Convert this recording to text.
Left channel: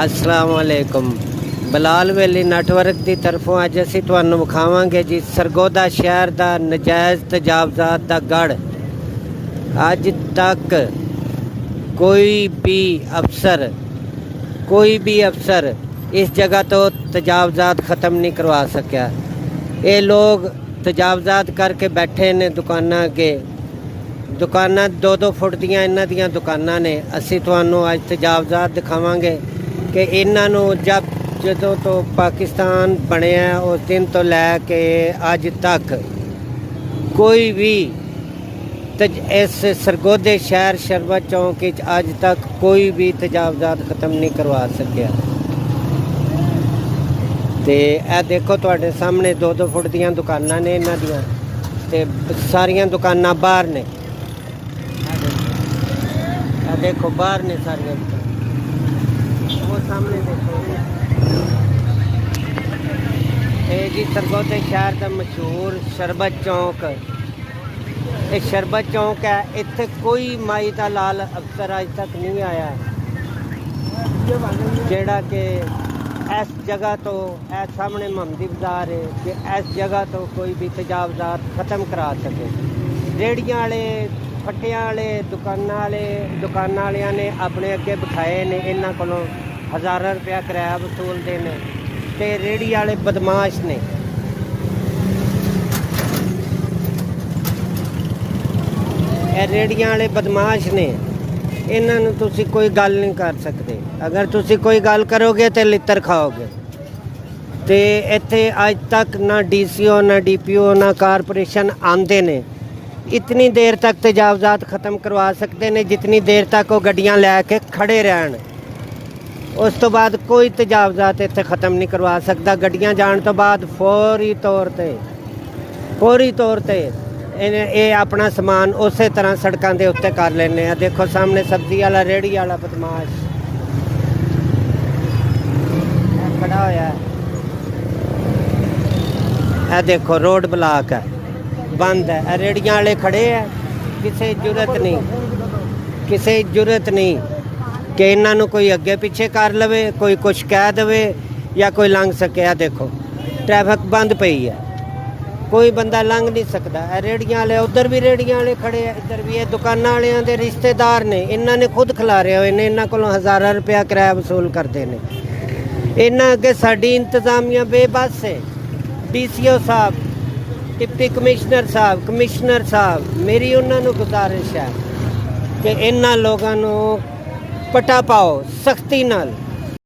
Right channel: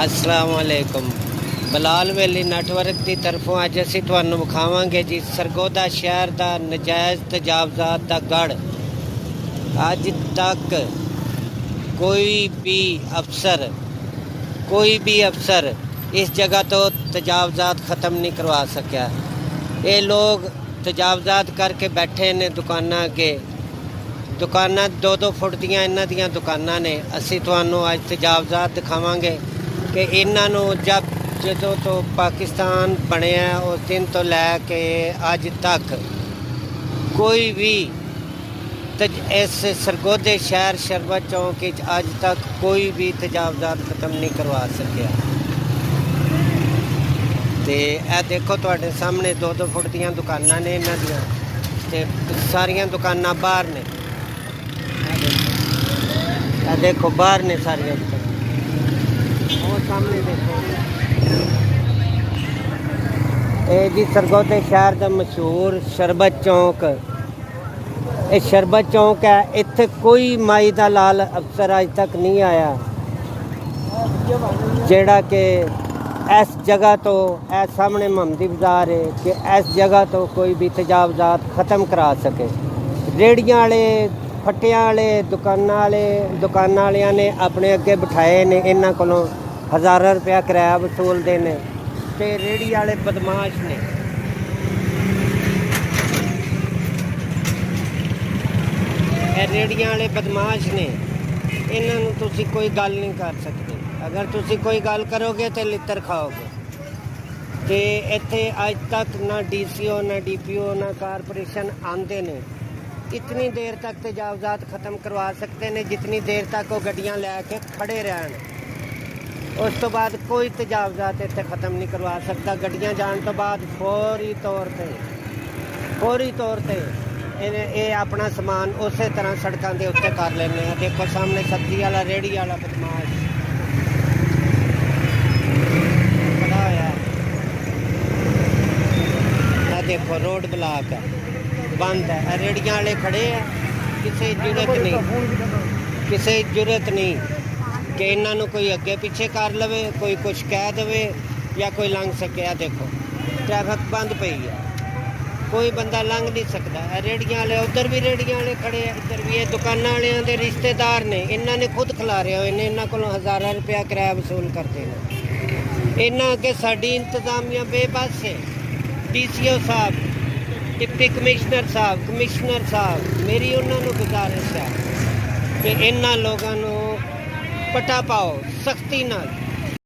अस्सलाम वालेकुम। बलाल वैली नैटवर्क की तरफों अज असीं तुहानूं विखावांगे जी सरगोदा शहर का नजायज़ तजावज़ात का गढ़। अज तक कोई भी अफसर इस जगह तो तजावज़ात ख़त्म नहीं करवा सकिया। ये लोग तजावज़ात करके बैठे ने दुकाना अगे। दुकाना 2-2 फुट दियां इन्हां दियां दुकाना ने। असीं तुहानूं अज तजावज़ात दिखावांगे कि इन्हों जदों तो पाकिस्तान बनया उस दिन तो लैके अज तक कोई भी इस सरगोदे शहर शरबत चौक अज तक कोई भी तजावज़ात ख़त्म नहीं करवा सकिया। तो यह देखो तुहाडे सामने 2-2 फुट दियां दुकाना ने इन्हां दियां ते सारियां दुकाना बाहर ने। देखो बाहर ने सारियां वो सामने देखो। ये जी सरगोदे शहर का मशहूर शरबत चौक। ये शरबत चौक है। इत्थे कोई माई दा लाल अफसर अज तक नहीं आया जेड़ा कि इस जगह तो सामने मोहम्मदी बाजार है कि इस जगह तो कोई भी तजावज़ात ख़त्म करा सके। रेहड़ियां वाले फट्टियां वाले दुकाना वालियां ने अपने अगे बिठाए ने। इन्हां कोलों हज़ारों रुपया किराया वसूलते हैं। तो रेहड़ी वाले बदमाश ने। रेहड़ियां वाले बदमाश ने। इन्हों तुसी कोई गल नहीं कर सकते। अगर तुसी कोई गल करोगे तो लित्तर खाओगे। तो इत्थे अज तक ना DCO ना DPO ना कारपोरेशन आंदे ने। इतनी देर तक तजावज़ात ख़त्म करवा सकते हैं जितनी देर तक वो गड्डियां लैके खड़े रहन। उस तो बाद कोई तजावज़ात इत्थे ख़त्म नहीं करवा सकता। गड्डियां जाने तो बाद फौरी तौर पर ये अपना समान उस तरह सड़कों के उत्ते कर लेने। देखो सामने सब्जी वाला रेहड़ी वाला बदमाश खड़ा होया। है देखो रोड ब्लॉक है, बंद है। रेहड़ियां वाले खड़े हैं। किसी जरूरत नहीं कि इन्हों कोई अगे पीछे कर लवे, कोई कुछ कह दे या कोई लंघ सके। देखो ट्रैफिक बंद पई है, कोई बंदा लंघ नहीं सकता। रेहड़ियां वाले उधर भी रेहड़ियां वाले खड़े हैं, इधर भी। ये दुकाना वालियां दे रिश्तेदार ने। इन्होंने खुद खिलारे हुए ने। इन्हों को हज़ारों रुपया किराया वसूल करते हैं। इन्हों अगे साडी इंतजामिया बेबस है। DCO साहब, डिप्टी कमिश्नर साहब, मेरी उन्होंने गुजारिश है कि इन्होंने लोगों को पटा पाओ सख्ती नाल।